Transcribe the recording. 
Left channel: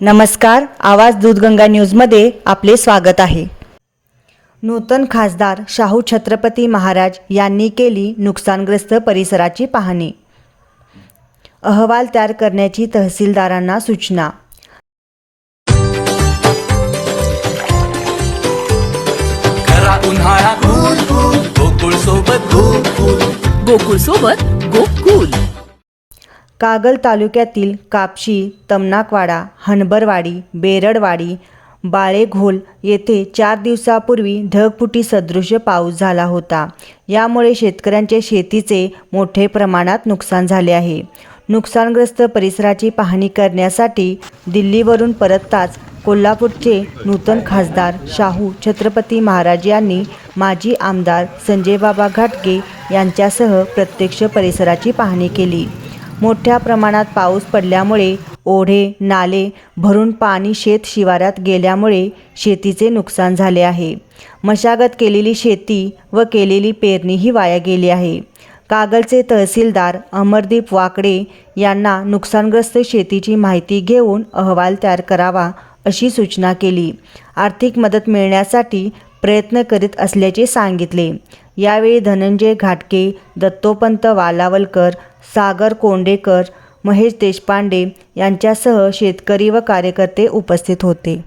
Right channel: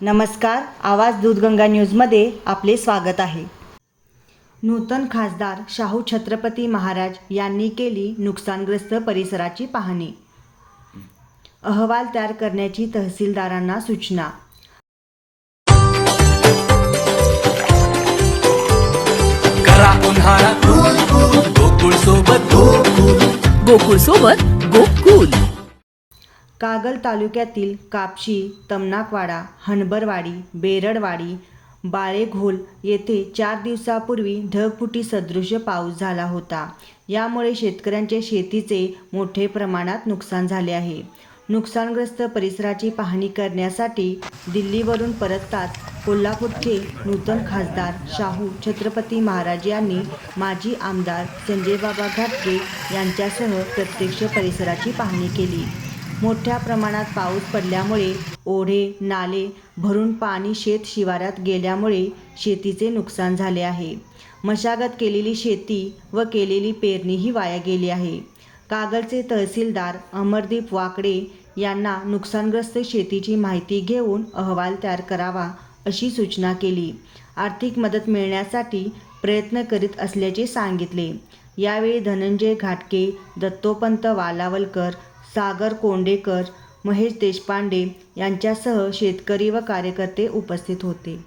नमस्कार आवाज दूधगंगा न्यूजमध्ये आपले स्वागत आहे. नूतन खासदार शाहू छत्रपती महाराज यांनी केली नुकसानग्रस्त परिसराची पाहणी. अहवाल तयार करण्याची तहसीलदारांना सूचना. गोकुळ सोबत गोकुळ सोबत गोकुल. कागल तालुक्यातील कापशी तमनाकवाडा हनबरवाडी बेरडवाडी बाळेघोल येथे चार दिवसापूर्वी ढगफुटी सदृश पाऊस झाला होता. यामुळे शेतकऱ्यांचे शेतीचे मोठे प्रमाणात नुकसान झाले आहे. नुकसानग्रस्त परिसराची पाहणी करण्यासाठी दिल्लीवरून परतताच कोल्हापूरचे नूतन खासदार शाहू छत्रपती महाराज यांनी माजी आमदार संजयबाबा घाटगे यांच्यासह प्रत्यक्ष परिसराची पाहणी केली. मोठ्या प्रमाणात पाऊस पडल्यामुळे ओढे नाले भरून पाणी शेत शिवारात गेल्यामुळे शेतीचे नुकसान झाले आहे. मशागत केलेली शेती व केलेली पेरणीही वाया गेली आहे. कागलचे तहसीलदार अमरदीप वाकडे यांना नुकसानग्रस्त शेतीची माहिती घेऊन अहवाल तयार करावा अशी सूचना केली. आर्थिक मदत मिळण्यासाठी प्रयत्न करीत असल्याचे सांगितले. यावेळी धनंजय घाटके दत्तोपंत वालावलकर सागर कोंडेकर महेश देशपांडे यांच्यासह शेतकरी व कार्यकर्ते उपस्थित होते.